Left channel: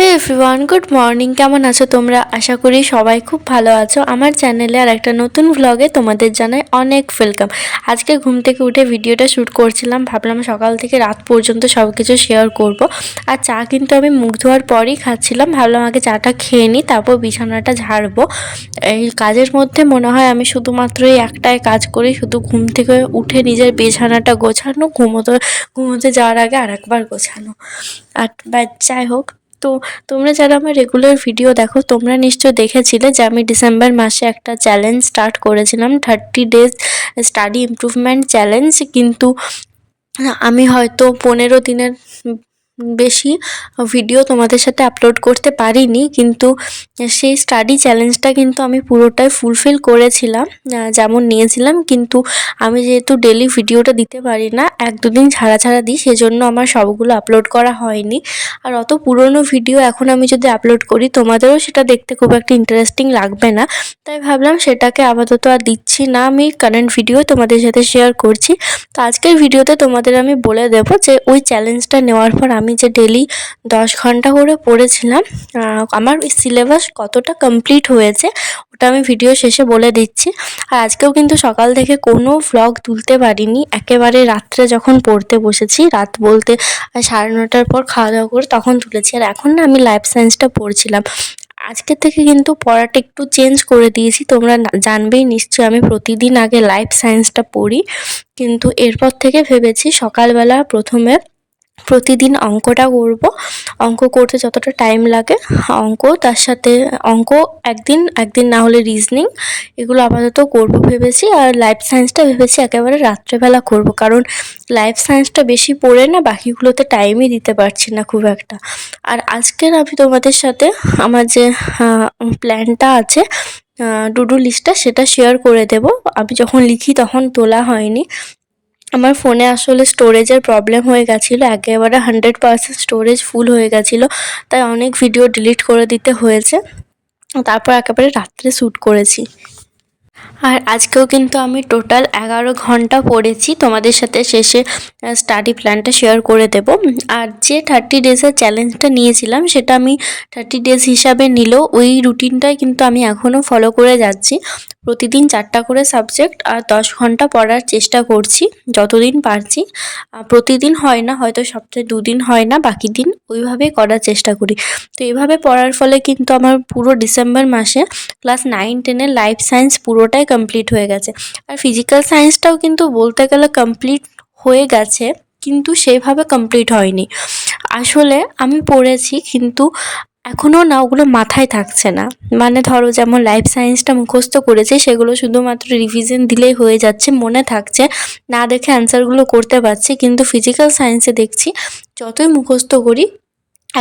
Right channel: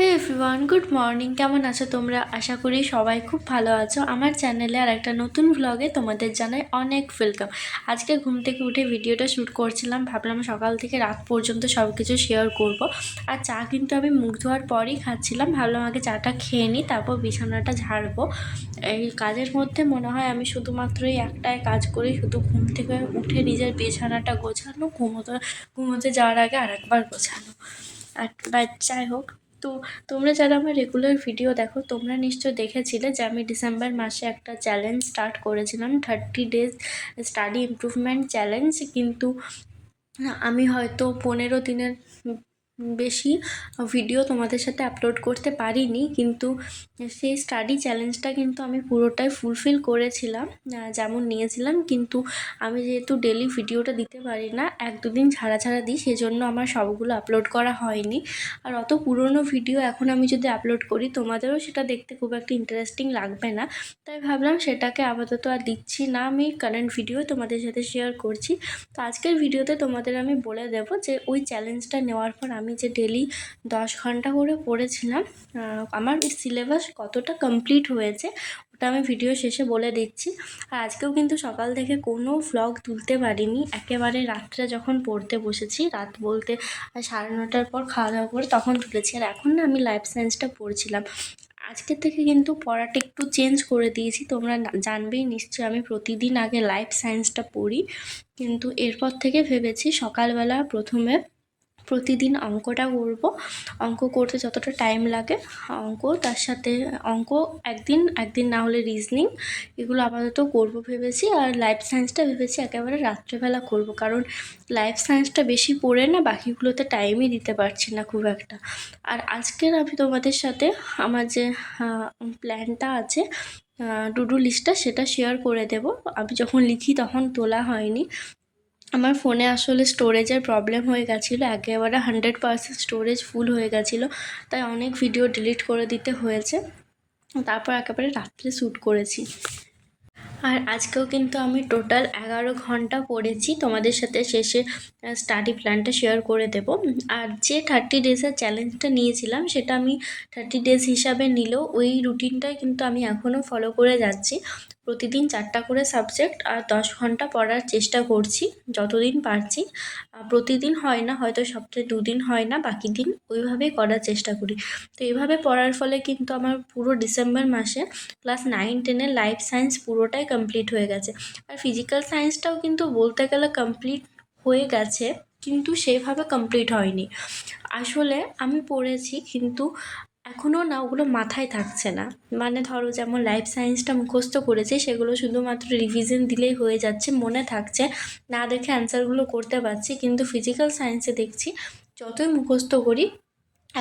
হে everyone, good morning. কেমন আছো তোমরা? আশা করি সবাই খুব ভালো আছো। আমার চ্যানেলে আর একটা নতুন ভ্লগে তোমাদের জানাই অনেক ওয়েলকাম। আজকে ঘুম থেকে উঠে ভিডিওটা শ্যুট করছিলাম, ভাবলাম সকাল থেকে রাত পর্যন্ত সব কিছু শেয়ার করব। আর চা কিন্তু আমি মুখ ধোয়ার পরই খাচ্ছিলাম, ভাবলাম আগে চাটা খেয়ে নিই, তারপর বিছানাটা ঝাড়বো। এই কাজের মধ্যে মনে হয় আমি শুধুমাত্র এই একটাই কাজ করি, শুধু ঘুম থেকে উঠে নিজের বিছানাটা গোছানো, ঘুমোতে যাওয়ার আগে আরেকবার গোছানো। আর যাই হোক, তো তোমরা যারা আমার রেগুলার ভিডিও দেখো, তোমরা নিশ্চয় দেখেছিলে যে আমি ডিসেম্বর মাসে একটা চ্যালেঞ্জ স্টার্ট করেছিলাম, 30 days স্টাডি ইমপ্রুভমেন্ট চ্যালেঞ্জ। কিন্তু আমি হয়তো 15 দিনের বেশি ভিডিও তোমাদের সাথে আপলোড করতে পারিনি, কিন্তু সেই স্টাডি চ্যালেঞ্জটা কিন্তু আমি পুরোটাই ফুলফিল করেছিলাম যেমন নিয়েছিলাম। কিন্তু আমি যেহেতু ডেলি ভিডিওটা দিতে পারি না, 1-2 দিন ছাড়া ছাড়া দিই, সেজন্য আমার সবগুলো আপলোড করা হয়নি। আর অত পুরনো ভিডিও এখন আমি যদি আপলোড করি, তোমাদেরও সেটা দেখতে খুব একটা ইন্টারেস্টিং লাগবে না। তাই ভাবলাম সেটাকে আপাতত আর দিচ্ছি না, আমি কারেন্ট ভিডিও তোমাদের সাথে শেয়ার করছি। তো আজকের ভিডিওতে তোমাদের আমি বলে দেবো যে ওই চ্যালেঞ্জটা নেওয়ার পর আমি যে ডেলি 10 ঘন্টা করে পড়েছিলাম, আমার সিলেবাস কতটা কমপ্লিট হয়েছে ওটা আমি ভিডিও শেষে বলে দিচ্ছি। আর আজকেও কিন্তু সকাল থেকে কোনো ভ্লগ তুলতে পারিনি, একেবারে রাত্রে যখন পড়তে বসেছি, রাত বলতে 9:30টার পর খাওয়া দাওয়া করে তখন তুলেছি। আর এখন না আমি লাইফ সায়েন্সটা পড়ছিলাম। আজকে থেকে কিন্তু পড়াটা একটু চেঞ্জ করে দিয়েছি, তোমরা জানবেই নিশ্চয়ই আমি প্রতিদিন আগে লাইফ সায়েন্সটা পড়ি, কিন্তু এরপর থেকে ভেবেছি সকালবেলা প্রথমে প্রতিদিন অঙ্কটা করব। অঙ্ক করতে যতটা টাইম লাগে অঙ্ক, তার সাথে অঙ্ক একদিন না হলে রিজনিং, এগুলো আপাতত করব ভেবেছি। আর লাইফ সায়েন্সটা ভেবেছি একেবারে রাত্রেবেলা করব, কারণ লাইফ সায়েন্সটা বেশি পড়ে না বাকিগুলোতে টাইমই দিতে পারছি না খুব একটা। আর আজকের আমি তোমাদের সাথে আমার যে প্ল্যানটা আছে, টু ডু লিস্টটা, সেটা শেয়ার করে দেব। আমি যখন লিখি তখন তোলা হয়নি, আমার ফোনে আসলে স্টোরেজের প্রবলেম হয়ে গেছিলো, একেবারে 100% স্টোরেজ ফুল হয়ে গেছিলো, তাই অনেক ভিডিও ডিলিট করে দিতে হয়েছে। তারপর একেবারে রাত্রে শ্যুট করেছি। আর আজকেও কিন্তু আমি টোটাল 11 ঘন্টা পড়েছি, তোমাদের সাথে শেষে স্টাডি প্ল্যানটা শেয়ার করে দেব। আর যে 30 ডেজের চ্যালেঞ্জটা নিয়েছিলাম সেটা আমি 30 ডেজ হিসাবে নিলেও ওই রুটিনটাই কিন্তু আমি এখনও ফলো করে যাচ্ছি। প্রতিদিন 4টা করে সাবজেক্ট আর 10 ঘন্টা পড়ার চেষ্টা করছি যতদিন পারছি। প্রতিদিন হয় না, হয়তো সপ্তাহে 2 দিন হয় না, বাকি দিন ওইভাবেই করার চেষ্টা করি। তো এইভাবে পড়ার ফলে কিন্তু আমার পুরো ডিসেম্বর মাসে ক্লাস 9-10-এর লাইফ সায়েন্স পুরোটাই কমপ্লিট হয়ে গেছে। আর ফিজিক্যাল সায়েন্সটাও কিন্তু বলতে গেলে কমপ্লিট হয়ে গেছে, কিন্তু সেইভাবে কমপ্লিট হয়নি। আসলে আমি পড়েছি, কিন্তু এখনও না ওগুলো মাথায় থাকছে না। মানে ধরো যেমন লাইফ সায়েন্সটা মুখস্থ করেছি, সেগুলো শুধুমাত্র রিভিশন দিলেই হয়ে যাচ্ছে, মনে থাকছে, না দেখে অ্যান্সারগুলো করতে পারছি। কিন্তু ফিজিক্যাল সায়েন্সে দেখছি যতই মুখস্থ করি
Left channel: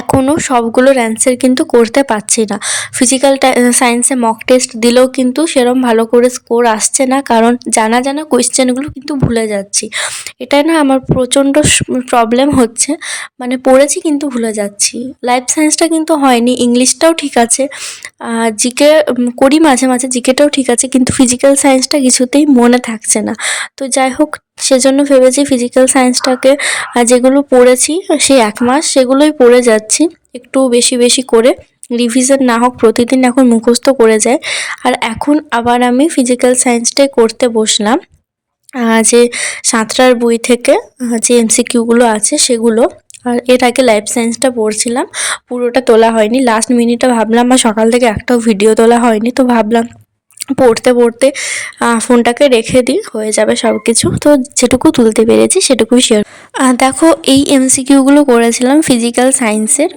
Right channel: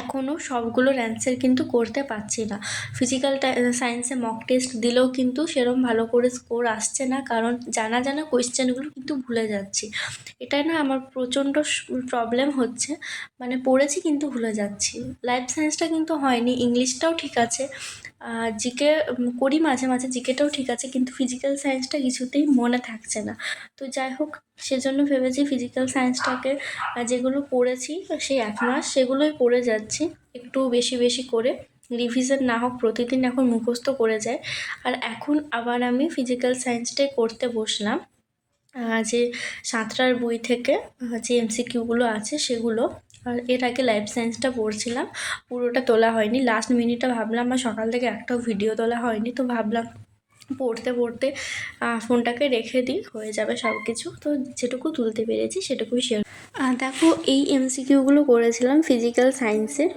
এখনও সবগুলোর অ্যান্সার কিন্তু করতে পারছি না। ফিজিক্যাল সায়েন্সে মক টেস্ট দিলেও কিন্তু সেরম ভালো করে স্কোর আসছে না, কারণ জানা কোয়েশ্চেনগুলো কিন্তু ভুলে যাচ্ছি। এটা না আমার প্রচণ্ড প্রবলেম হচ্ছে, মানে পড়েছি কিন্তু ভুলে যাচ্ছি। লাইফ সায়েন্সটা কিন্তু হয়নি, ইংলিশটাও ঠিক আছে, জিকে করি মাঝে মাঝে, জিকেটাও ঠিক আছে, কিন্তু ফিজিক্যাল সায়েন্সটা কিছুতেই মনে থাকছে না। তো যাই হোক, সেজন্য ভেবেছি ফিজিক্যাল সায়েন্সটাকে যেগুলো পড়েছি সেই 1 মাস সেগুলোই পড়ে যাচ্ছি, একটু বেশি বেশি করে, রিভিশন না হোক, প্রতিদিন এখন মুখস্থ করে যায়। আর এখন আবার আমি ফিজিক্যাল সায়েন্সটাই করতে বসলাম, যে সাঁতরার বই থেকে যে এমসিকিউগুলো আছে সেগুলো। আর এর আগে লাইফ সায়েন্সটা পড়ছিলাম, পুরোটা তোলা হয়নি, লাস্ট মিনিটে ভাবলাম, আর সকাল থেকে একটাও ভিডিও তোলা হয়নি, তো ভাবলাম পড়তে পড়তে ফোনটাকে রেখে দিই, হয়ে যাবে সব কিছু। তো যেটুকু তুলতে পেরেছি সেটুকুই শেয়ার। দেখো, এই এমসিকিউগুলো করেছিলাম ফিজিক্যাল সায়েন্সের,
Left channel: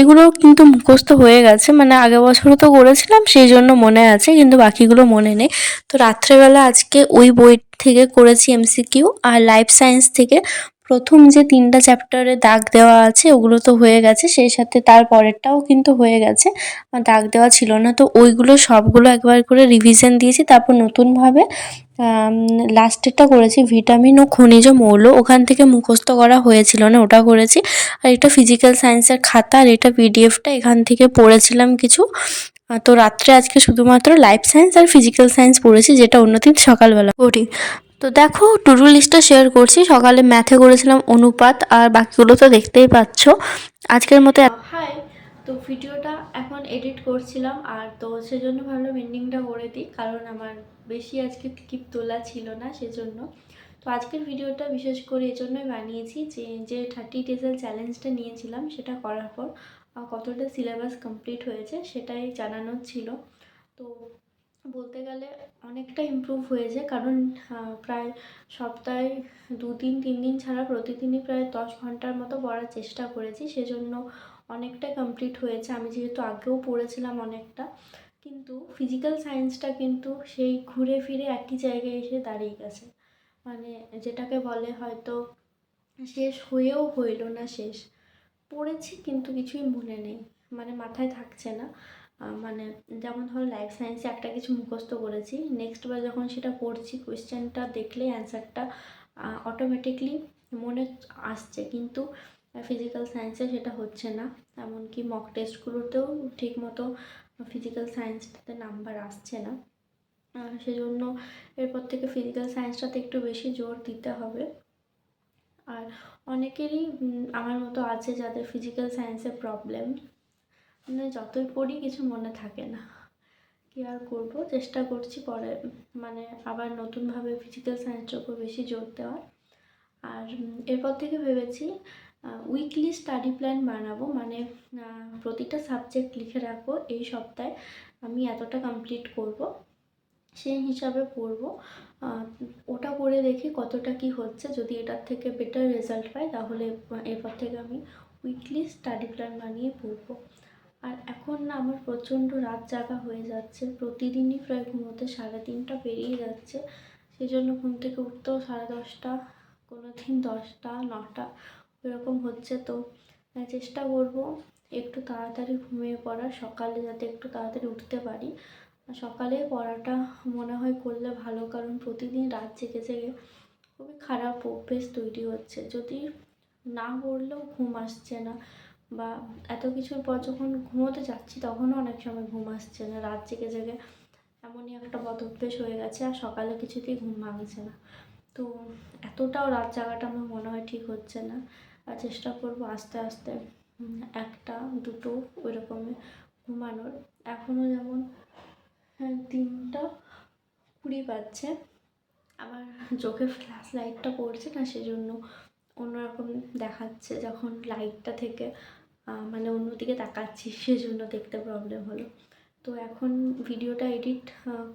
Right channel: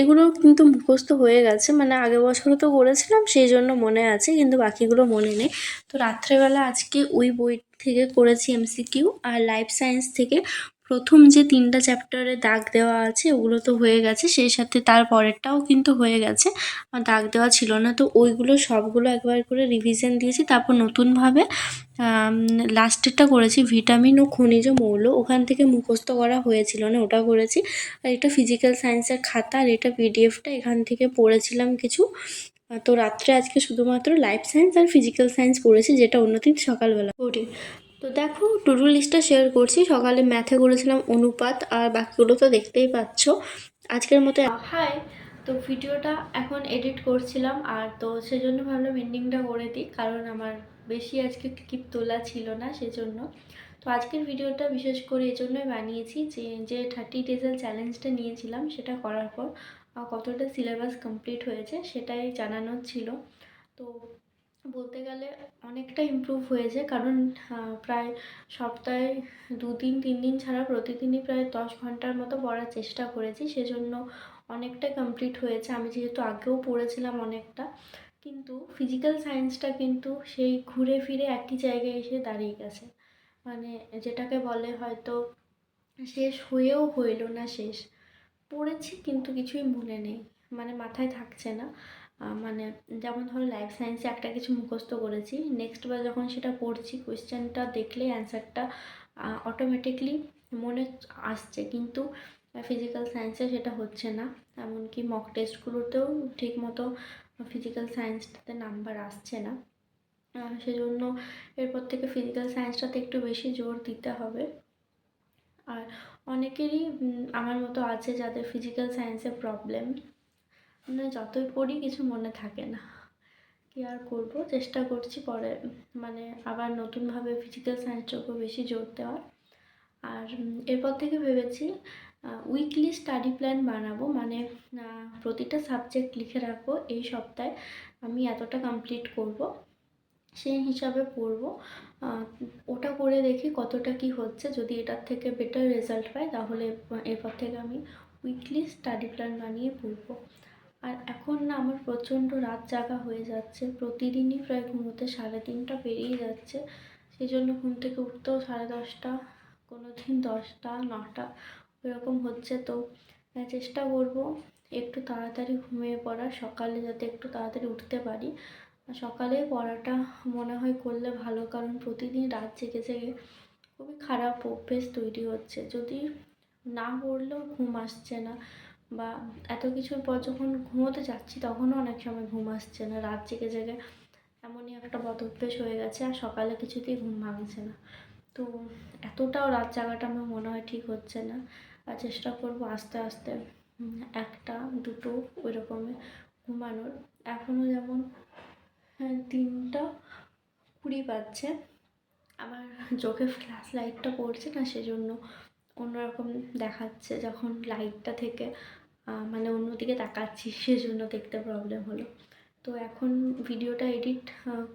এগুলো কিন্তু মুখস্থ হয়ে গেছে, মানে আগের বছরও তো করেছিলাম সেই জন্য মনে আছে, কিন্তু বাকিগুলো মনে নেই। তো রাত্রেবেলা আজকে ওই বই থেকে করেছি এমসিকিউ, আর লাইফ সায়েন্স থেকে প্রথম যে 3টা চ্যাপ্টারে দাগ দেওয়া আছে ওগুলো তো হয়ে গেছে, সেই সাথে তার পরেরটাও কিন্তু হয়ে গেছে, দাগ দেওয়া ছিল না। তো ওইগুলো সবগুলো একবার করে রিভিশন দিয়েছি, তারপর নতুনভাবে লাস্টেরটা করেছি ভিটামিন ও খনিজ মৌল, ওখান থেকে মুখস্থ করা হয়েছিল না, ওটা করেছি। আর এটা ফিজিক্যাল সায়েন্সের খাতা, আর এটা পিডিএফটা এখান থেকে পড়েছিলাম কিছু। তো রাত্রে আজকে শুধুমাত্র লাইফ সায়েন্স আর ফিজিক্যাল সায়েন্স পড়েছি, যেটা অন্যদিন সকালবেলা পড়ি। তো দেখো, টু ডু লিস্টটা শেয়ার করছি। সকালে ম্যাথে করেছিলাম অনুপাত, আর বাকিগুলো তো দেখতেই পাচ্ছ। আজকের মতো হাই। তো ভিডিওটা এখন এডিট করছিলাম, আর তো সেজন্য ভাবলাম এন্ডিংটা করে দিই, কারণ আমার বেশি আজকে ক্লিপ তোলা ছিল না সেজন্য। তো আজকের ভিডিওটা বিশেষ করে এজন্যই বানিয়েছি যে 30 ডেজের চ্যালেঞ্জটা নিয়েছিলাম সেটা করার পর কতটা সিলেবাস কমপ্লিট হয়েছে সেটাই জানানোর ছিল। তো বলতে গেলে অনেকটা ইমপ্রুভ হয়েছে, কারণ প্রায় সপ্তাহে 2 দিন 3 দিন ছাড়া প্রতিদিনই প্রায় 10 ঘন্টার মতো পড়ার চেষ্টা করেছি, সেজন্য অনেকটাই কমপ্লিট হয়েছে। আমি যেহেতু আগেও পড়েছিলাম অনেকটা, কিন্তু ফিজিক্যাল সায়েন্সটা কিন্তু সেই ঘুরে ফিরে একই জায়গায় এসে দাঁড়িয়ে গেছে। মানে যেটাকে বলে হয়তো শেষ হয়েও হইল না শেষ। পড়েছি কিন্তু কিছুই মনে নেই, মানে মাথায় থাকছে না। মানে যেমন ধরো লাইফ সায়েন্সে একটা কিছু মুখস্থ করেছি, নেক্সট বার যখন সেটা পড়ছি কোয়েশ্চেনটা দেখলেই অ্যান্সারটা অটোমেটিকলি মনে আসছে, কিন্তু ফিজিক্যাল সায়েন্সে সেটা হচ্ছে না। এমনকি মক টেস্টগুলোতেও ঠিক মতো ফিজিক্যাল সায়েন্সটাতে নাম্বার আসছে না। সেজন্য এরপর থেকে ফিজিক্যাল সায়েন্সটাতে একটু বেশি জোর দিতে হবে। আর অনেকেরই আমার মতো আছে যাদের ফিজিক্যাল সায়েন্সে প্রবলেম, মানে যতই পড়ি কিছু মনে থাকে না। কী আর করব, চেষ্টা করছি পরে মানে আবার নতুনভাবে ফিজিক্যাল সায়েন্সের উপর বেশি জোর দেওয়ার। আর এরপর থেকে ভেবেছি উইকলি স্টাডি প্ল্যান বানাবো, মানে প্রতিটা সাবজেক্ট লিখে রাখবো এই সপ্তাহে আমি এতটা কমপ্লিট করব, সেই হিসাবে পড়বো। ওটা করে দেখি কতটা কি হচ্ছে, যদি এটার থেকে বেটার রেজাল্ট পাই তাহলে এরপর থেকে আমি উইকলি স্টাডি প্ল্যান বানিয়ে পড়বো। আর এখন না আমার প্রচণ্ড রাত জাগা হয়ে যাচ্ছে, প্রতিদিনই প্রায় ঘুমোতে 3:30টা পেরিয়ে যাচ্ছে। সেই জন্য ঘুম থেকে উঠতেও 10:30, কোনো দিন 10টা 9টা এরকম হচ্ছে। তো চেষ্টা করব একটু তাড়াতাড়ি ঘুমিয়ে পড়ার, সকালে যাতে একটু তাড়াতাড়ি উঠতে পারি। সকালে পড়াটা মনে হয় করলে ভালো, কারণ প্রতিদিন রাত জেগে জেগে খুবই খারাপ অভ্যেস তৈরি হচ্ছে। যদি না পড়লেও ঘুম আসছে না, বা এত কিছুর পর যখন ঘুমোতে যাচ্ছি তখনও অনেক সময় ঘুম আসছে না, রাত জেগে জেগে এমনই একটা বদ অভ্যেস হয়ে গেছে, আর সকালে কিছুতেই ঘুম ভাঙছে না। তো এতটাও রাত জাগাটা আমার মনে হয় ঠিক হচ্ছে না। আর চেষ্টা করব আস্তে আস্তে 1টা 2টো ওই রকমের ঘুমানোর। এখনও যেমন 3:20 বাজছে, আমার চোখে ফ্ল্যাশ লাইটটা পড়ছে না, সেজন্য অন্যরকম দেখাচ্ছে। যখন লাইটটা থেকে মানে অন্যদিকে তাকাচ্ছি সেজন্য দেখতে প্রবলেম হলো। তো এখন ভিডিওটা এডিট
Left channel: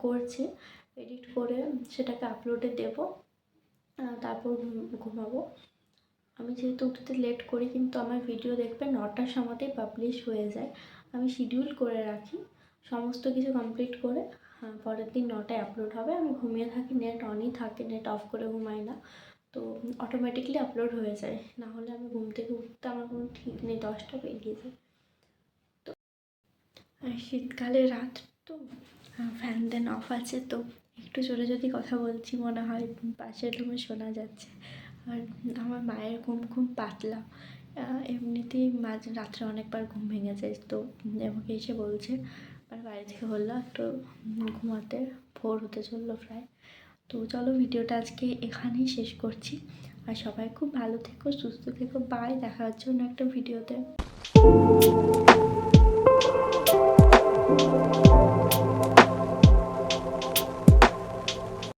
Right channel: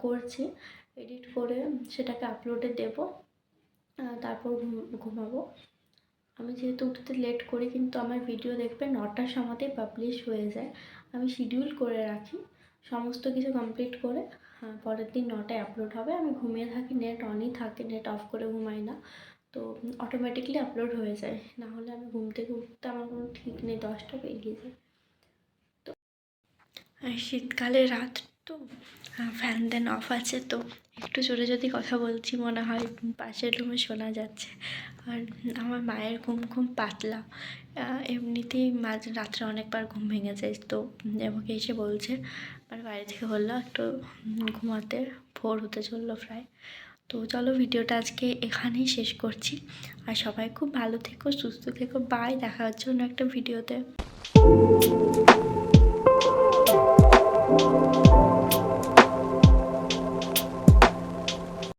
করছি, এডিট করে সেটাকে আপলোডে দেব, তারপর ঘুমাবো। আমি যেহেতু উঠতে লেট করি, কিন্তু আমার ভিডিও দেখবে 9টার সময়তেই পাবলিশ হয়ে যায়। আমি শিডিউল করে রাখি সমস্ত কিছু কমপ্লিট করে পরের দিন 9টায় আপলোড হবে। আমি ঘুমিয়ে থাকি, নেট অনই থাকে, নেট অফ করে ঘুমাই না, তো অটোমেটিকলি আপলোড হয়ে যায়। না হলে আমি ঘুম থেকে উঠতে আমার কোনো ঠিক নেই, 10টা পেরিয়ে যায়। তো শীতকালে রাত, তো ফ্যান দেন অফ আছে, তো একটু জোরে যদি কথা বলছি মনে হয় পাশের রুমে শোনা যাচ্ছে। আর আমার মায়ের ঘুম খুব পাতলা, এমনিতেই মাঝ রাত্রে অনেকবার ঘুম ভেঙে যায়। তো আমাকে এসে বলছে, মানে বাইরে থেকে বললো একটু ঘুমাতে, ভোর হতে চললো প্রায়। তো চলো ভিডিওটা আজকে এখানেই শেষ করছি। আর সবাই খুব ভালো থেকো, সুস্থ থেকো, বাই। দেখা হচ্ছে অন্য একটা ভিডিওতে।